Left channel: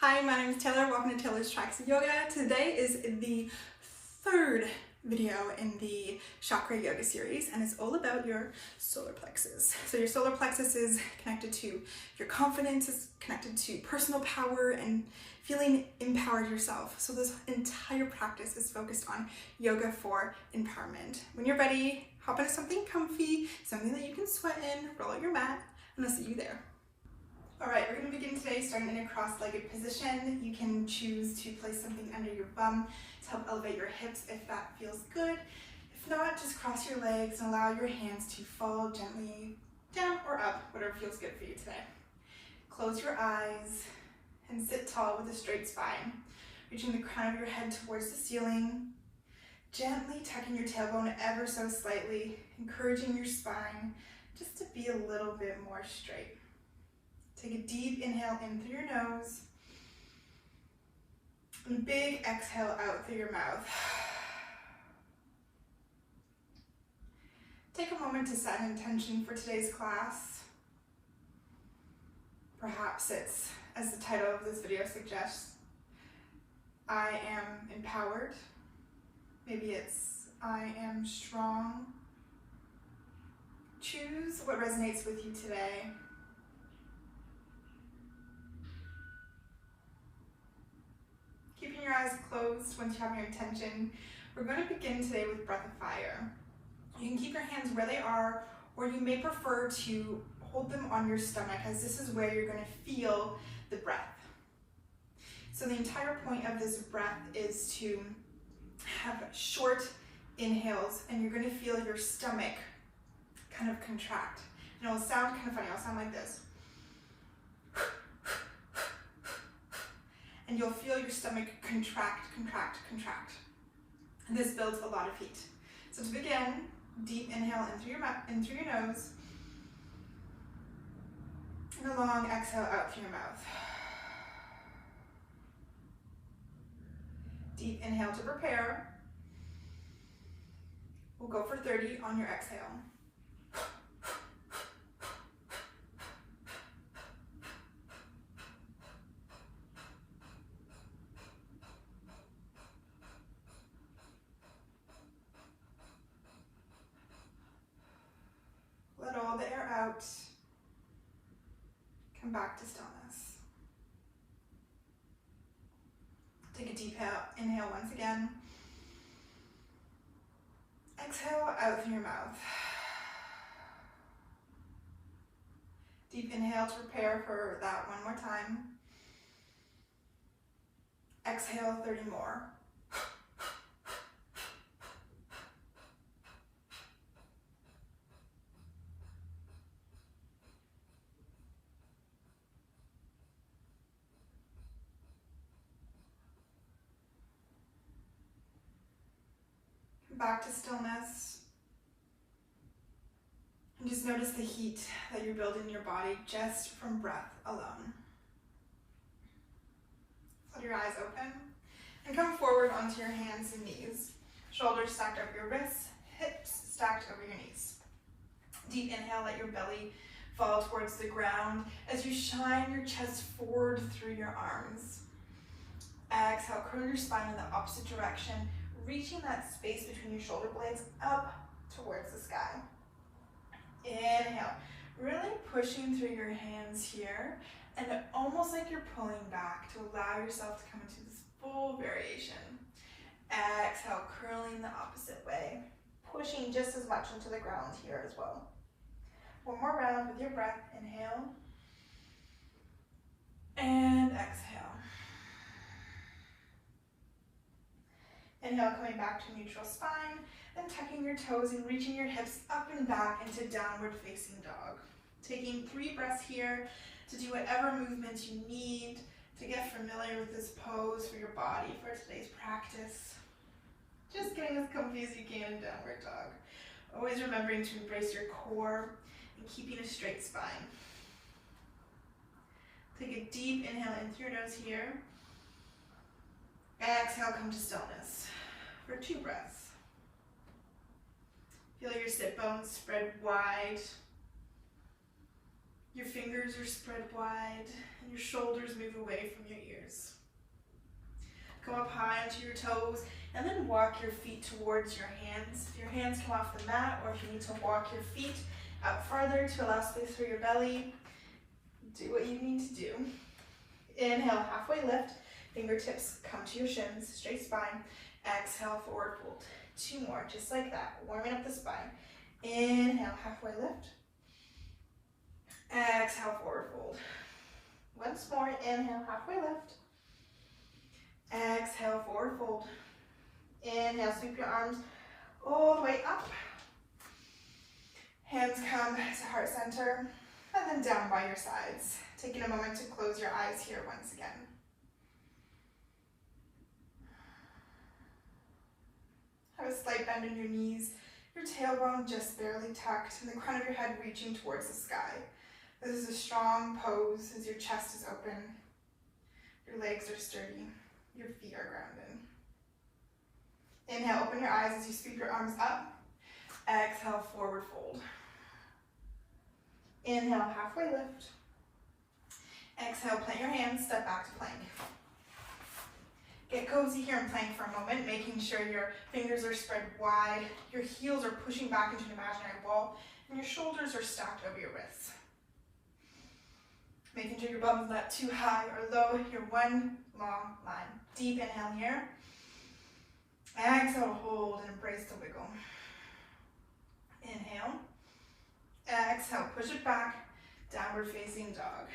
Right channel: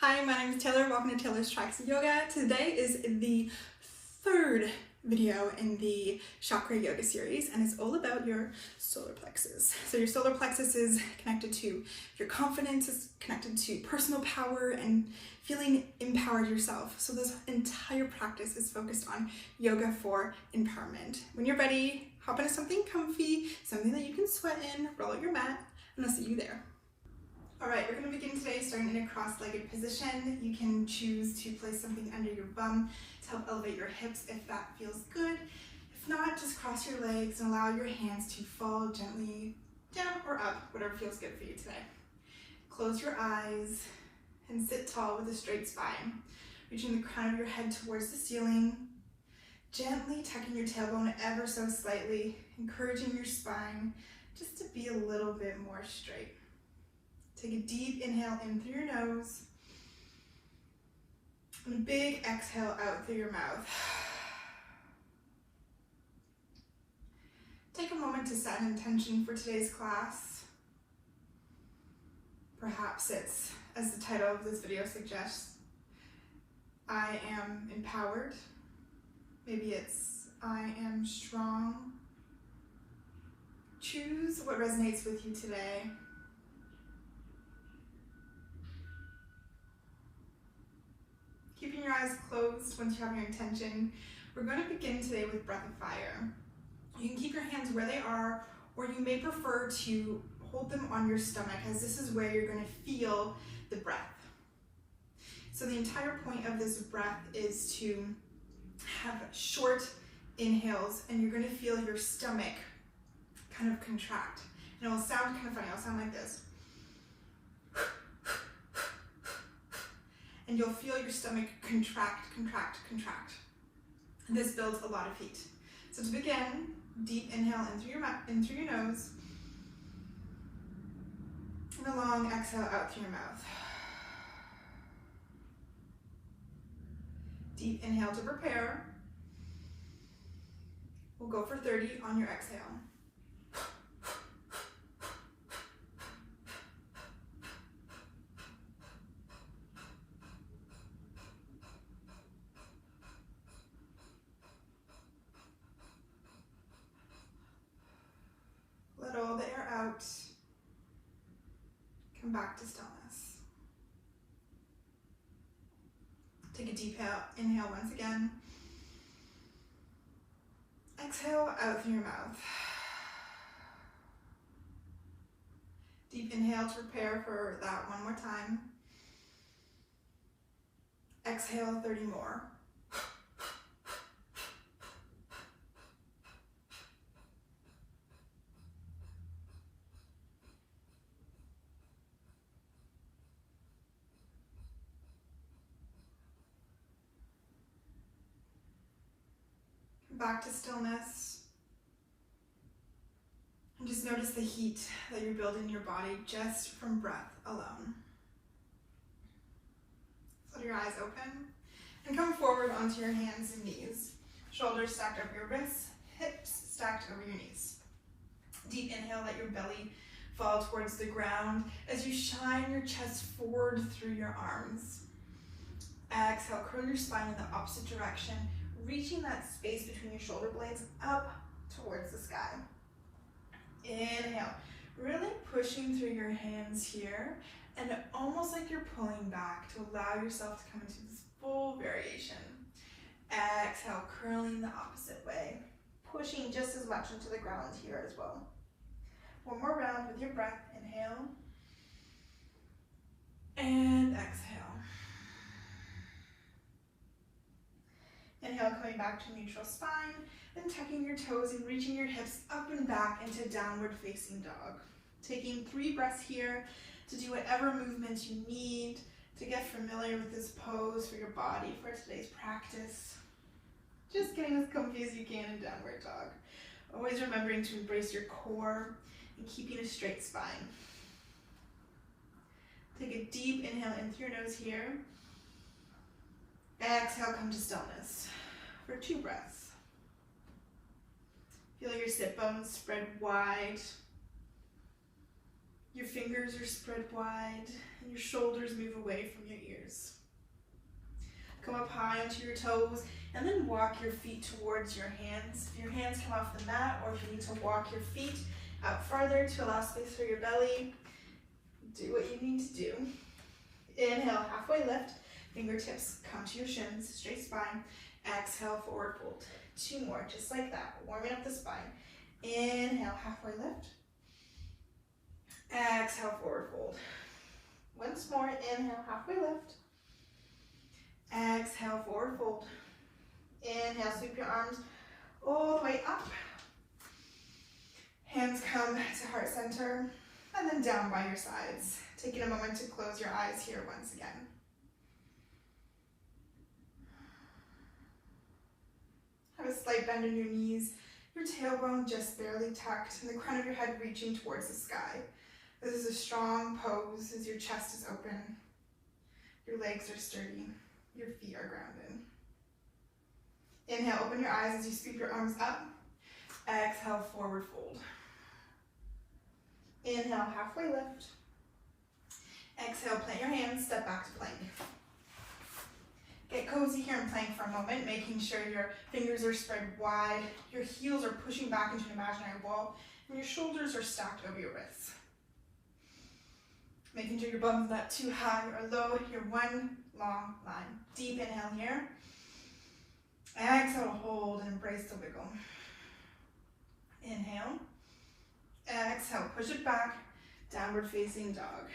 Hi, my name is Taylor. Welcome to Taylor's Tracks Yoga. Today is the third video in the Chakra Yoga series, and it's all about your solar plexus. So your solar plexus is connected to your confidence, it's connected to personal power and feeling empowered yourself. So this entire practice is focused on yoga for empowerment. When you're ready, hop into something comfy, something that you can sweat in, roll out your mat, and I'll see you there. All right, we're going to begin today starting in a cross-legged position. You can choose to place something under your bum to help elevate your hips if that feels good. If not, just cross your legs and allow your hands to fall gently down or up, whatever feels good for you today. Close your eyes and sit tall with a straight spine, reaching the crown of your head towards the ceiling, gently tucking your tailbone ever so slightly, encouraging your spine just to be a little bit more straight. Take a deep inhale in through your nose, and a big exhale out through your mouth. Take a moment to set an intention for today's class. Perhaps it's, as the title of this video suggests, I am empowered. Maybe it's I am strong. Choose what resonates with you today. Keeping your eyes closed once you have your intention, we're going to begin today with breath of fire. You can keep your hands where they are, or you may prefer to hold them on your stomach, as this is where you're going to feel the breath. So the entire point of this breath is to have short inhales, and you're going to feel your stomach kind of contract. And it will sound kind of funny. It'll sound like this. And you'll feel your stomach contract, contract, contract. And this builds a lot of heat. So to begin, deep inhale in through your mouth, in through your nose, and a long exhale out through your mouth. Deep inhale to prepare. We'll go for 30 on your exhale. Let all the air out. Come back to stillness. Take a deep inhale once again. Exhale out through your mouth. Deep inhale to prepare for that one more time. Exhale 30 more. Back to stillness. And just notice the heat that you're building in your body just from breath alone. Let your eyes open and come forward onto your hands and knees. Shoulders stacked over your wrists, hips stacked over your knees. Deep inhale, let your belly fall towards the ground as you shine your chest forward through your arms. Exhale, curl your spine in the opposite direction, reaching that space between your shoulder blades up towards the sky. Inhale, really pushing through your hands here, and almost like you're pulling back to allow yourself to come into this full variation. Exhale, curling the opposite way, pushing just as much into the ground here as well. One more round with your breath. Inhale, and exhale. Inhale, coming back to neutral spine, then tucking your toes and reaching your hips up and back into downward facing dog. Taking 3 breaths here to do whatever movements you need to get familiar with this pose for your body for today's practice. Just getting as comfy as you can in downward dog. Always remembering to embrace your core and keeping a straight spine. Take a deep inhale in through your nose here. Exhale, come to stillness for 2 breaths. Feel your sit bones spread wide. Your fingers are spread wide and your shoulders move away from your ears. Come up high onto your toes and then walk your feet towards your hands. If your hands come off the mat, or if you need to walk your feet out further to allow space for your belly, do what you need to do. Inhale, halfway lift. Fingertips come to your shins, straight spine. Exhale, forward fold. 2 more, just like that, warming up the spine. Inhale, halfway lift. Exhale, forward fold. Once more, inhale, halfway lift. Exhale, forward fold. Inhale, sweep your arms all the way up. Hands come to heart center, and then down by your sides. Taking a moment to close your eyes here once again. Have a slight bend in your knees, your tailbone just barely tucked, and the crown of your head reaching towards the sky. This is a strong pose as your chest is open, your legs are sturdy, your feet are grounded. Inhale, open your eyes as you sweep your arms up. Exhale, forward fold. Inhale, halfway lift. Exhale, plant your hands, step back to plank. Get cozy here in plank for a moment, making sure your fingers are spread wide, your heels are pushing back into an imaginary wall, and your shoulders are stacked over your wrists. Making sure your bum's not too high or low, you're one long line. Deep inhale here. Exhale, hold and embrace the wiggle. Inhale. Exhale, push it back, downward facing dog.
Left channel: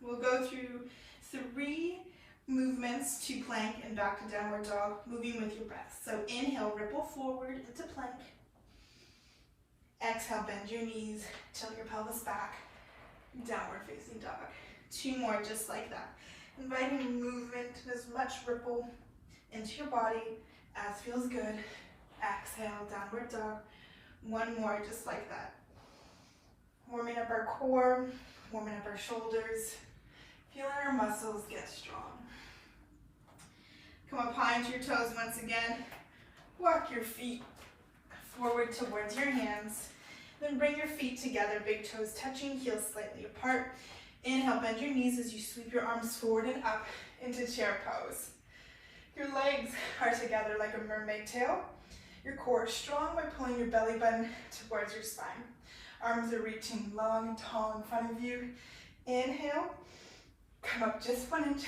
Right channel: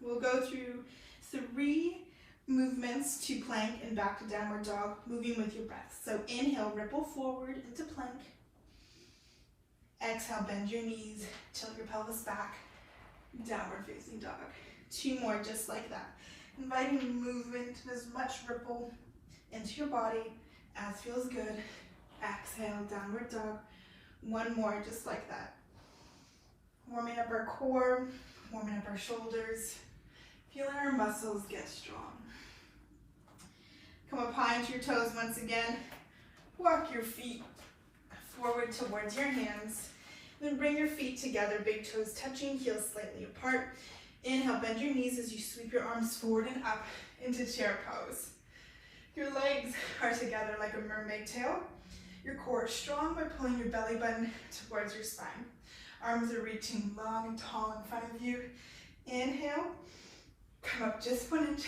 We'll go through 3 movements to plank and back to downward dog, moving with your breath. So inhale, ripple forward into plank. Exhale, bend your knees, tilt your pelvis back, downward facing dog. 2 more just like that. Inviting movement, as much ripple into your body as feels good. Exhale, downward dog. 1 more just like that. Warming up our core, warming up our shoulders, feeling our muscles get strong. Come up high into your toes once again. Walk your feet forward towards your hands. Then bring your feet together, big toes touching, heels slightly apart. Inhale, bend your knees as you sweep your arms forward and up into chair pose. Your legs are together like a mermaid tail. Your core is strong by pulling your belly button towards your spine. Arms are reaching long and tall in front of you. Inhale, come up just 1 inch.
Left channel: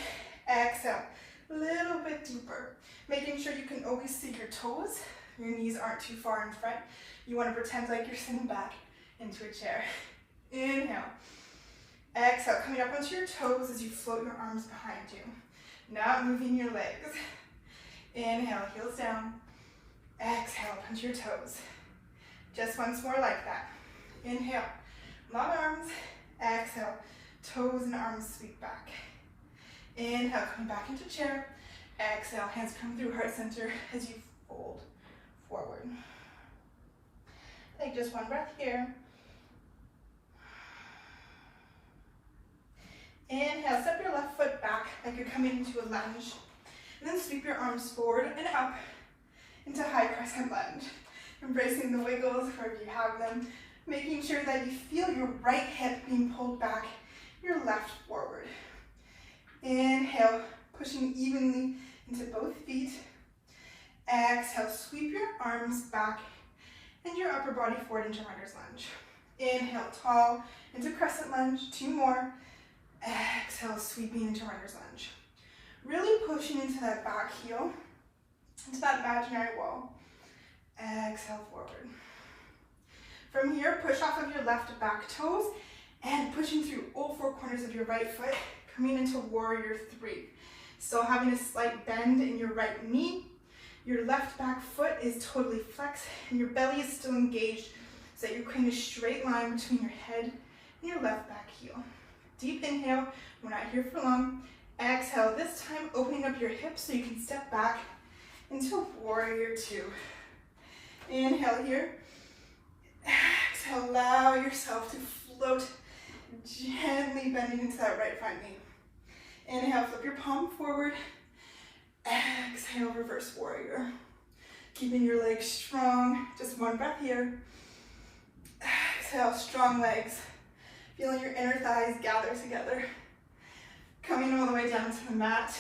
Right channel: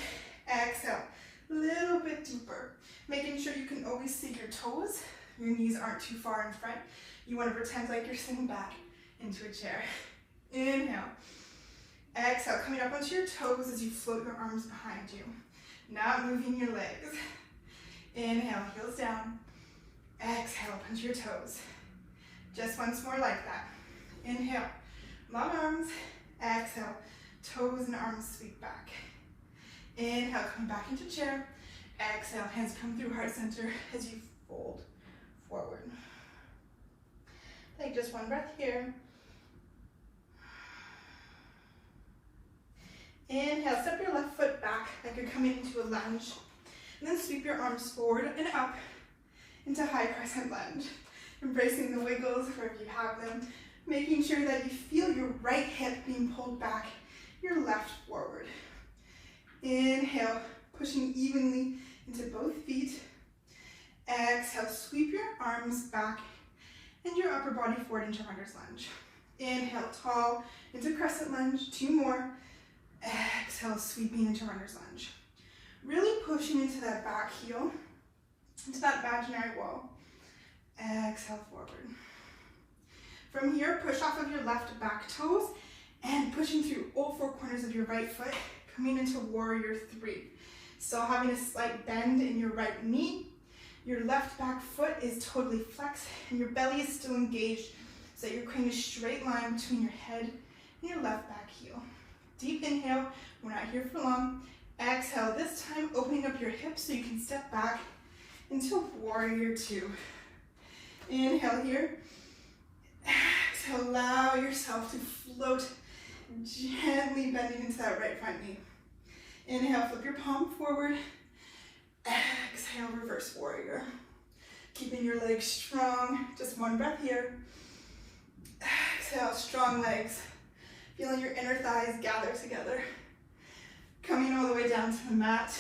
Exhale, a little bit deeper. Making sure you can always see your toes. Your knees aren't too far in front. You want to pretend like you're sitting back into a chair. Inhale. Exhale, coming up onto your toes as you float your arms behind you. Not moving your legs. Inhale, heels down. Exhale, punch your toes. Just once more like that. Inhale, long arms. Exhale, toes and arms sweep back. Inhale, come back into chair. Exhale, hands come through heart center as you fold forward. Take just 1 breath here. Inhale, step your left foot back like you're coming into a lunge. And then sweep your arms forward and up into high crescent lunge. Embracing the wiggles wherever you have them. Making sure that you feel your right hip being pulled back, your left forward. Inhale, pushing evenly into both feet. Exhale, sweep your arms back and your upper body forward into runner's lunge. Inhale, tall into crescent lunge. 2 more. Exhale, sweeping into runner's lunge. Really pushing into that back heel, into that imaginary wall. Exhale, forward. From here, push off of your left back toes and pushing through all 4 corners of your right foot, coming into warrior 3. Still having a slight bend in your right knee. Your left back foot is totally flexed and your belly is still engaged so that you're creating a straight line between your head and your left back heel. Deep inhale, we're not here for long. Exhale, this time opening up your hips so you can step back into warrior 2. Inhale here. Exhale, allow yourself to float, gently bending into that right front knee. Inhale, flip your palm forward. Exhale, reverse warrior. Keeping your legs strong. Just 1 breath here. Exhale, strong legs. Feeling your inner thighs gather together. Coming all the way down to the mat.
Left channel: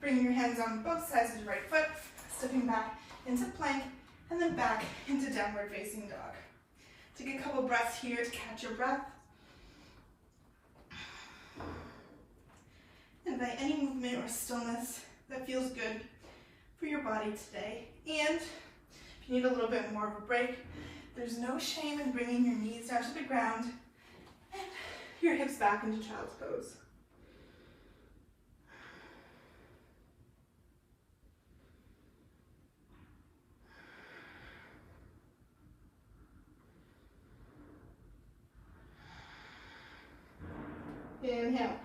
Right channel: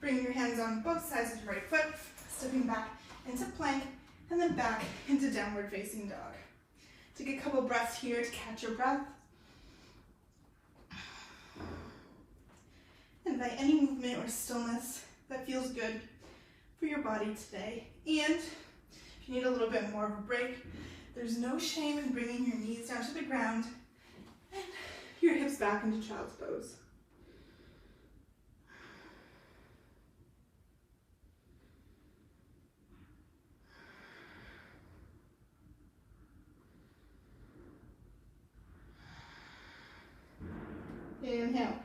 Bringing your hands on both sides of your right foot, stepping back into plank, and then back into downward facing dog. Take a couple breaths here to catch your breath. Invite any movement or stillness that feels good for your body today. And if you need a little bit more of a break, there's no shame in bringing your knees down to the ground and your hips back into child's pose. Inhale.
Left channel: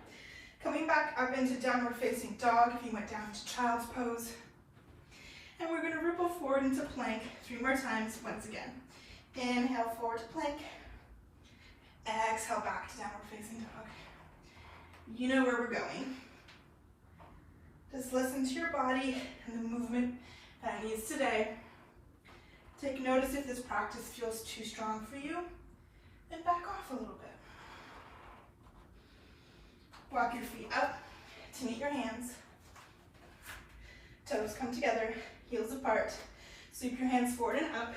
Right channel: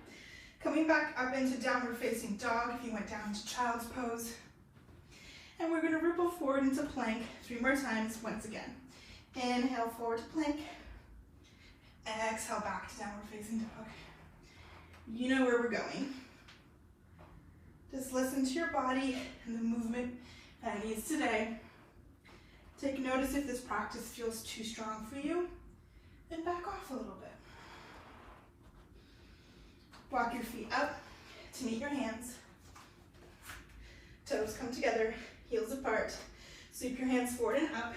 Coming back up into downward facing dog if you went down into child's pose. And we're going to ripple forward into plank 3 more times once again. Inhale forward to plank. Exhale back to downward facing dog. You know where we're going. Just listen to your body and the movement that it needs today. Take notice if this practice feels too strong for you, and back off a little bit. Walk your feet up to meet your hands. Toes come together, heels apart. Sweep your hands forward and up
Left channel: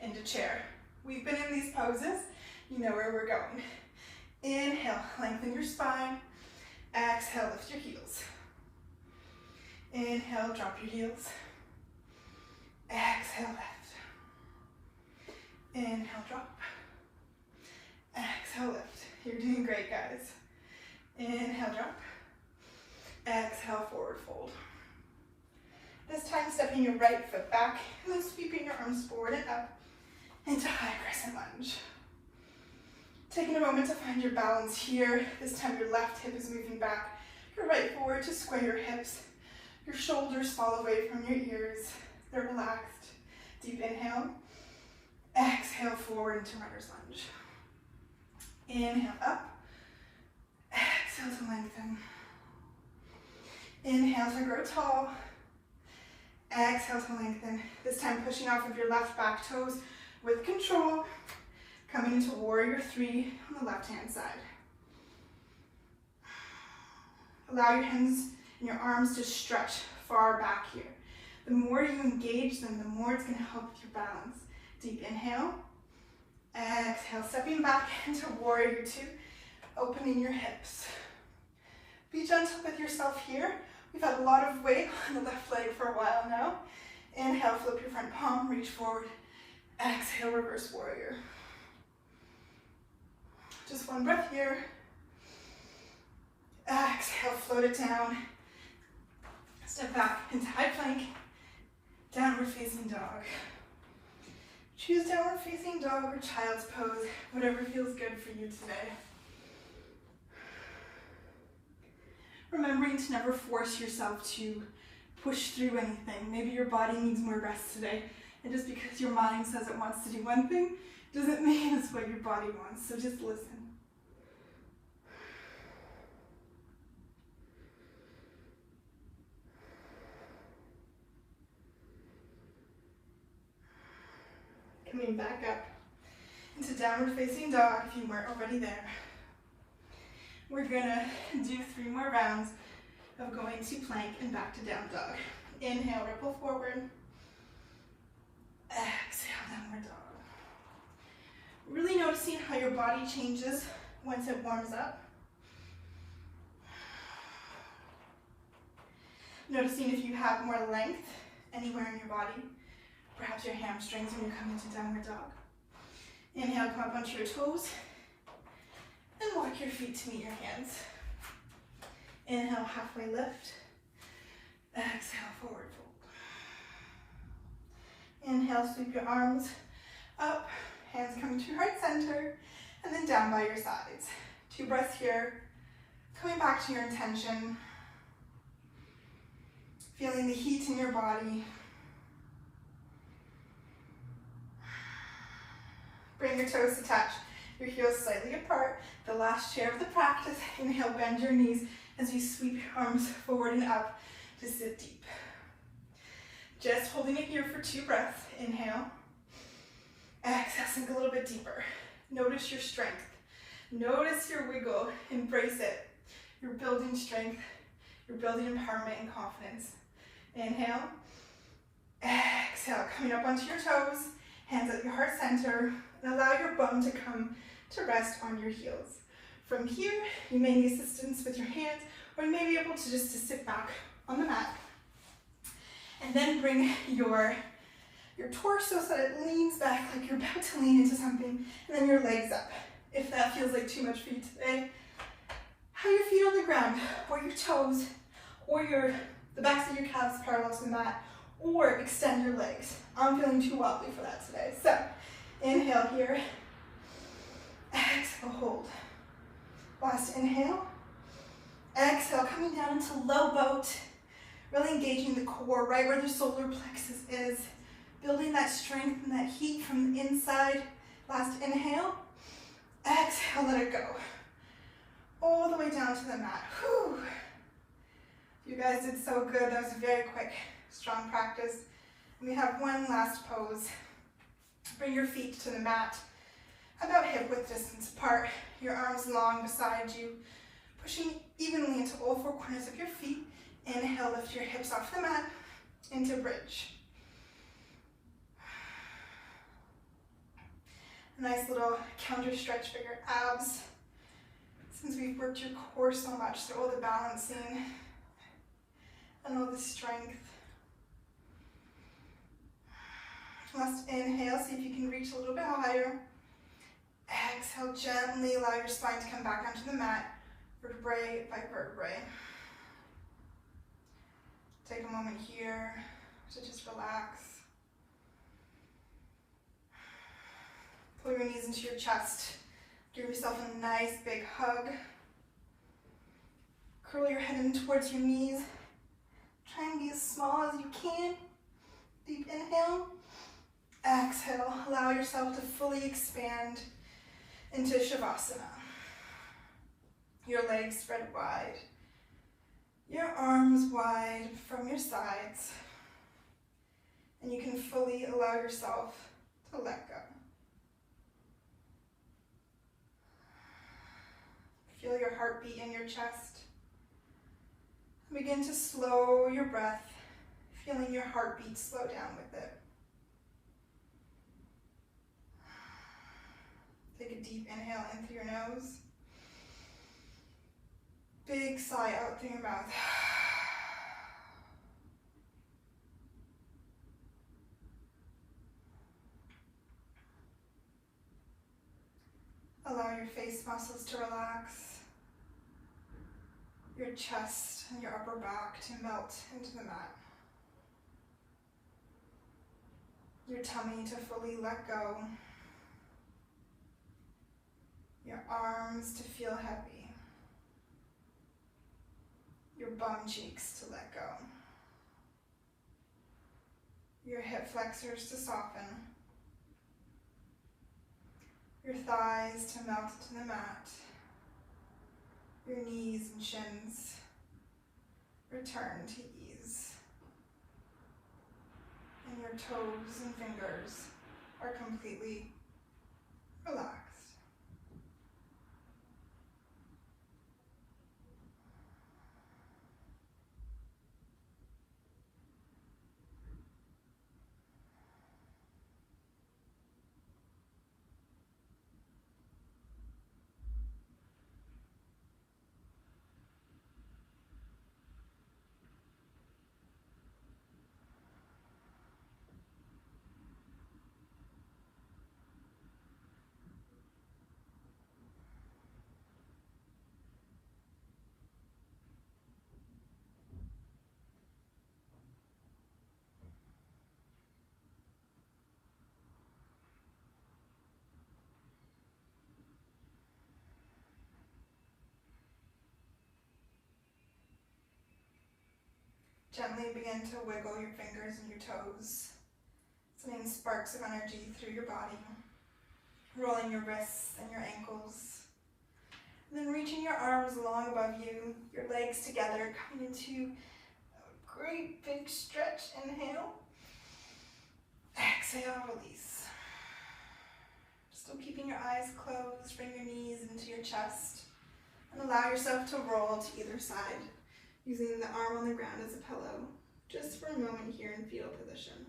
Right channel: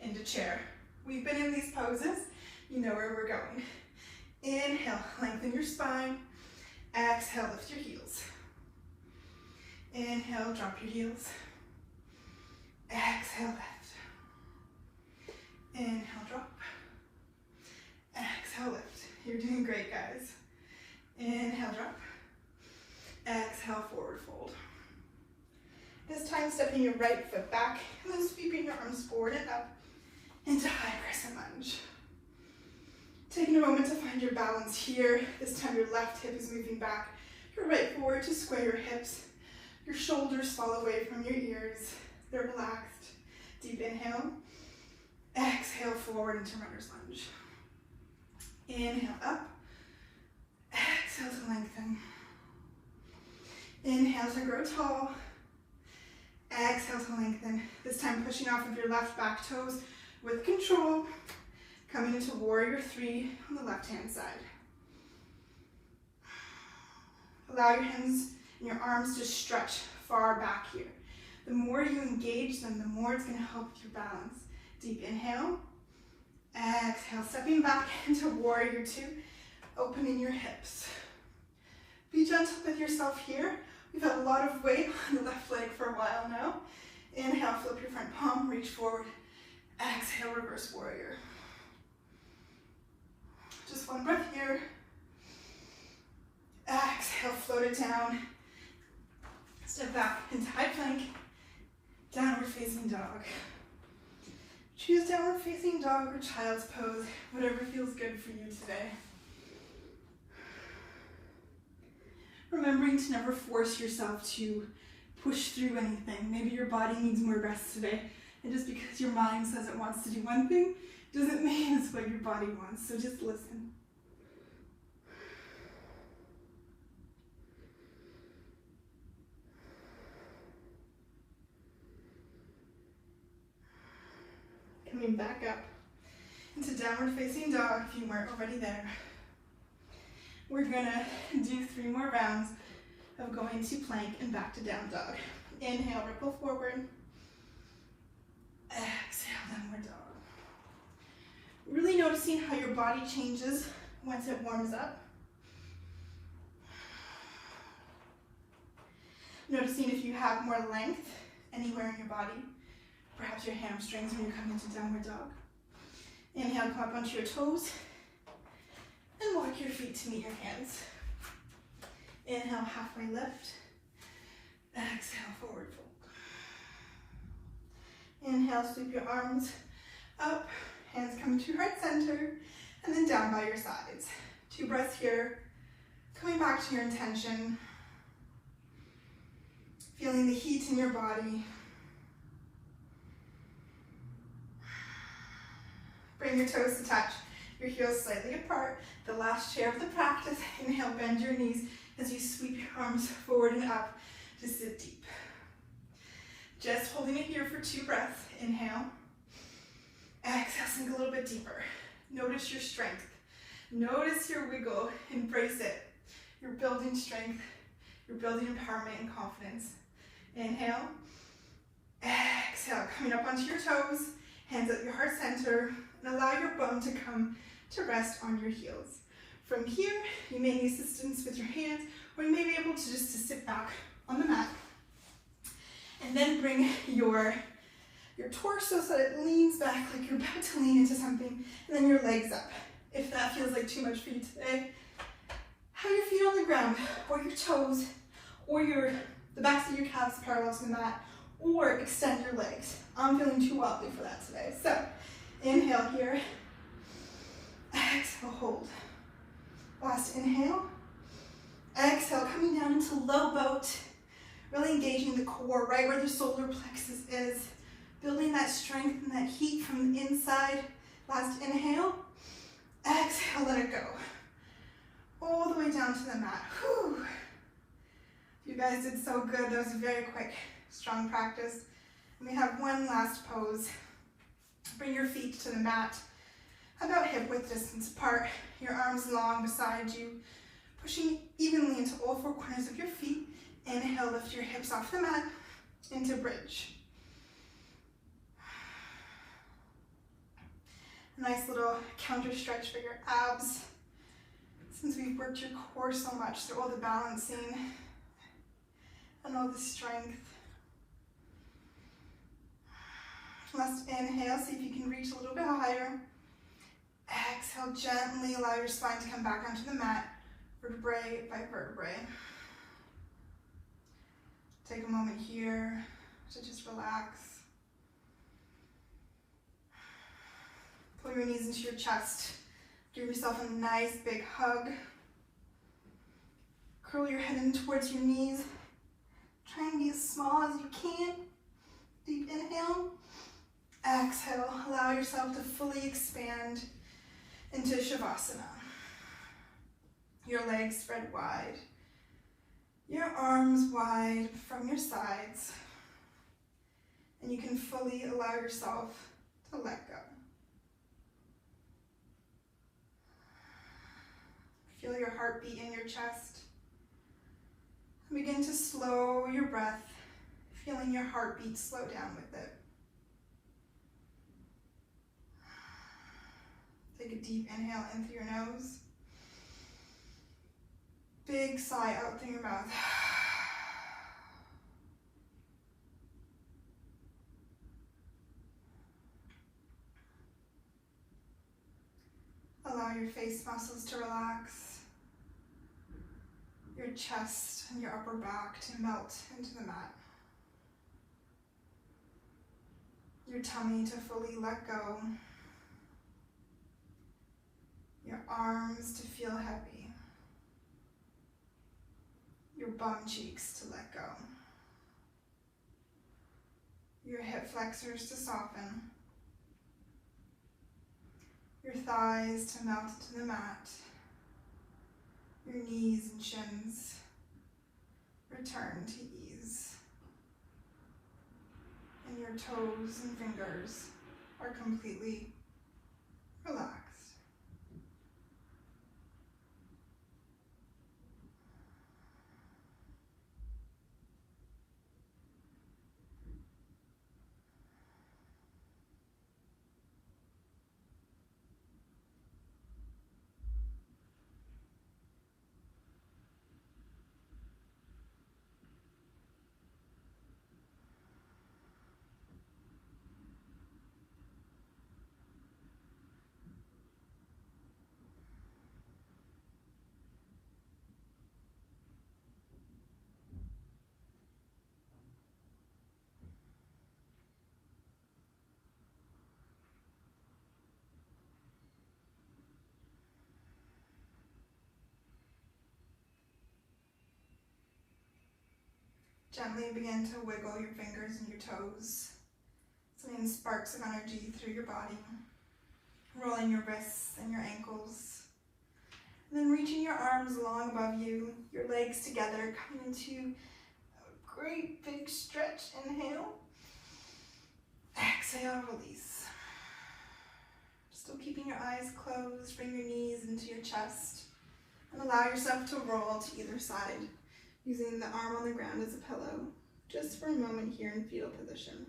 into chair. We've been in these poses. You know where we're going. Inhale, lengthen your spine. Exhale, lift your heels. Inhale, drop your heels. Exhale, lift. Inhale, drop. Exhale, lift. You're doing great, guys. Inhale, drop. Exhale, forward fold. This time, stepping your right foot back and then sweeping your arms forward and up into high crescent lunge. Taking a moment to find your balance here. This time, your left hip is moving back, your right forward to square your hips. Your shoulders fall away from your ears. They're relaxed. Deep inhale. Exhale, forward into runner's lunge. Inhale, up. Exhale to lengthen. Inhale to grow tall. Exhale to lengthen. This time pushing off of your left back toes with control. Coming into warrior 3 on the left-hand side. Allow your hands and your arms to stretch far back here. The more you engage them, the more it's going to help with your balance. Deep inhale. Exhale, stepping back into warrior 2. Opening your hips. Be gentle with yourself here. We've had a lot of weight on the left leg for a while now. Inhale, flip your front palm, reach forward. Exhale, reverse warrior. Just one breath here. Exhale, float it down. Step back into high plank. Downward facing dog. Choose downward facing dog or child's pose, whatever feels good for you today. Remembering to never force yourself to push through anything. Maybe your body needs more rest today, and just because your mind says it wants to do one thing, doesn't mean it's what your body wants, so just listen. Coming back up into downward facing dog if you weren't already there. We're gonna do 3 more rounds of going to plank and back to down dog. Inhale, ripple forward. Exhale, downward dog. Really noticing how your body changes once it warms up. Noticing if you have more length anywhere in your body. Perhaps your hamstrings when you come into downward dog. Inhale, pop onto your toes. And walk your feet to meet your hands. Inhale, halfway lift. Exhale, forward fold. Inhale, sweep your arms up. Hands come to your heart center. And then down by your sides. 2 breaths here. Coming back to your intention. Feeling the heat in your body. Bring your toes to touch. Your heels slightly apart. The last chair of the practice. Inhale, bend your knees as you sweep your arms forward and up to sit deep. Just holding it here for 2 breaths. Inhale. Exhale, sink a little bit deeper. Notice your strength. Notice your wiggle, embrace it. You're building strength, you're building empowerment and confidence. Inhale, exhale, coming up onto your toes, hands at your heart center, and allow your bum to come to rest on your heels. From here, you may need assistance with your hands, or you may be able to just sit back on the mat. And then bring your torso so that it leans back like you're about to lean into something, and then your legs up. If that feels like too much for you today, have your feet on the ground, or your toes, or the backs of your calves parallel to the mat, or extend your legs. I'm feeling too wobbly for that today. So, inhale here, exhale, hold. Last inhale, exhale, coming down into low boat, really engaging the core, right where the solar plexus is, building that strength and that heat from the inside. Last inhale, exhale, let it go. All the way down to the mat. Whew. You guys did so good. That was a very quick, strong practice. And we have one last pose. Bring your feet to the mat, about hip width distance apart. Your arms long beside you, pushing evenly into all four corners of your feet. Inhale, lift your hips off the mat into bridge. A nice little counter stretch for your abs. Since we've worked your core so much through all the balancing and all the strength. Last inhale, see if you can reach a little bit higher. Exhale, gently allow your spine to come back onto the mat, vertebrae by vertebrae. Take a moment here to just relax. Pull your knees into your chest. Give yourself a nice big hug. Curl your head in towards your knees. Try and be as small as you can. Deep inhale. Exhale. Allow yourself to fully expand into Shavasana. Your legs spread wide. Your arms wide from your sides. And you can fully allow yourself to let go. Feel your heartbeat in your chest. Begin to slow your breath, feeling your heartbeat slow down with it. Take a deep inhale in through your nose. Big sigh out through your mouth. Allow your face muscles to relax. Your chest and your upper back to melt into the mat. Your tummy to fully let go. Your arms to feel heavy. Your bum cheeks to let go. Your hip flexors to soften. Your thighs to melt into the mat. Your knees and shins return to ease. And your toes and fingers are completely relaxed. Gently begin to wiggle your fingers and your toes, sending sparks of energy through your body, rolling your wrists and your ankles. And then reaching your arms long above you, your legs together, coming into a great big stretch. Inhale. Exhale, release. Still keeping your eyes closed, bring your knees into your chest and allow yourself to roll to either side, using the arm on the ground as a pillow, just for a moment here in fetal position.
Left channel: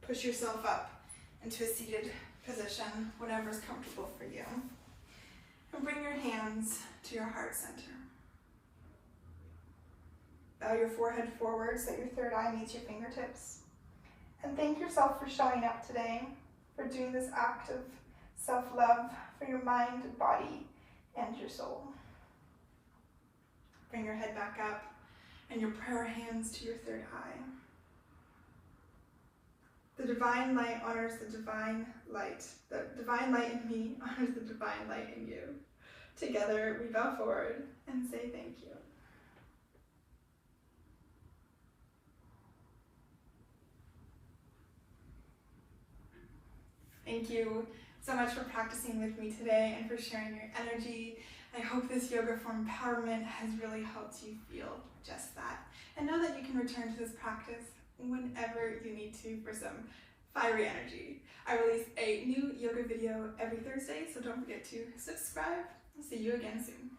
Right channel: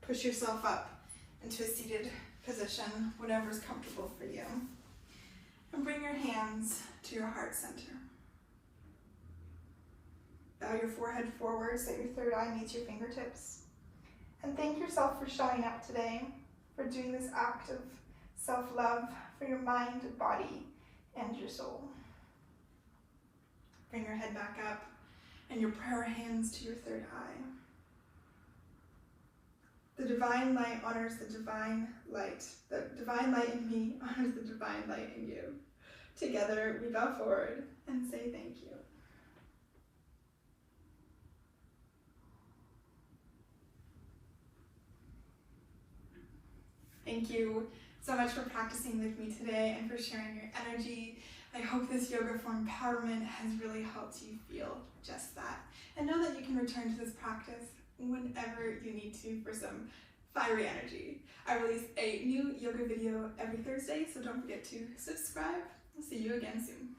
Push yourself up into a seated position, whatever's comfortable for you. And bring your hands to your heart center. Bow your forehead forward so your third eye meets your fingertips. And thank yourself for showing up today, for doing this act of self-love for your mind, body, and your soul. Bring your head back up and your prayer hands to your third eye. The divine light honors the divine light. The divine light in me honors the divine light in you. Together, we bow forward and say thank you. Thank you so much for practicing with me today and for sharing your energy. I hope this yoga for empowerment has really helped you feel just that. And know that you can return to this practice whenever you need to for some fiery energy. I release a new yoga video every Thursday, so don't forget to subscribe. I'll see you again soon.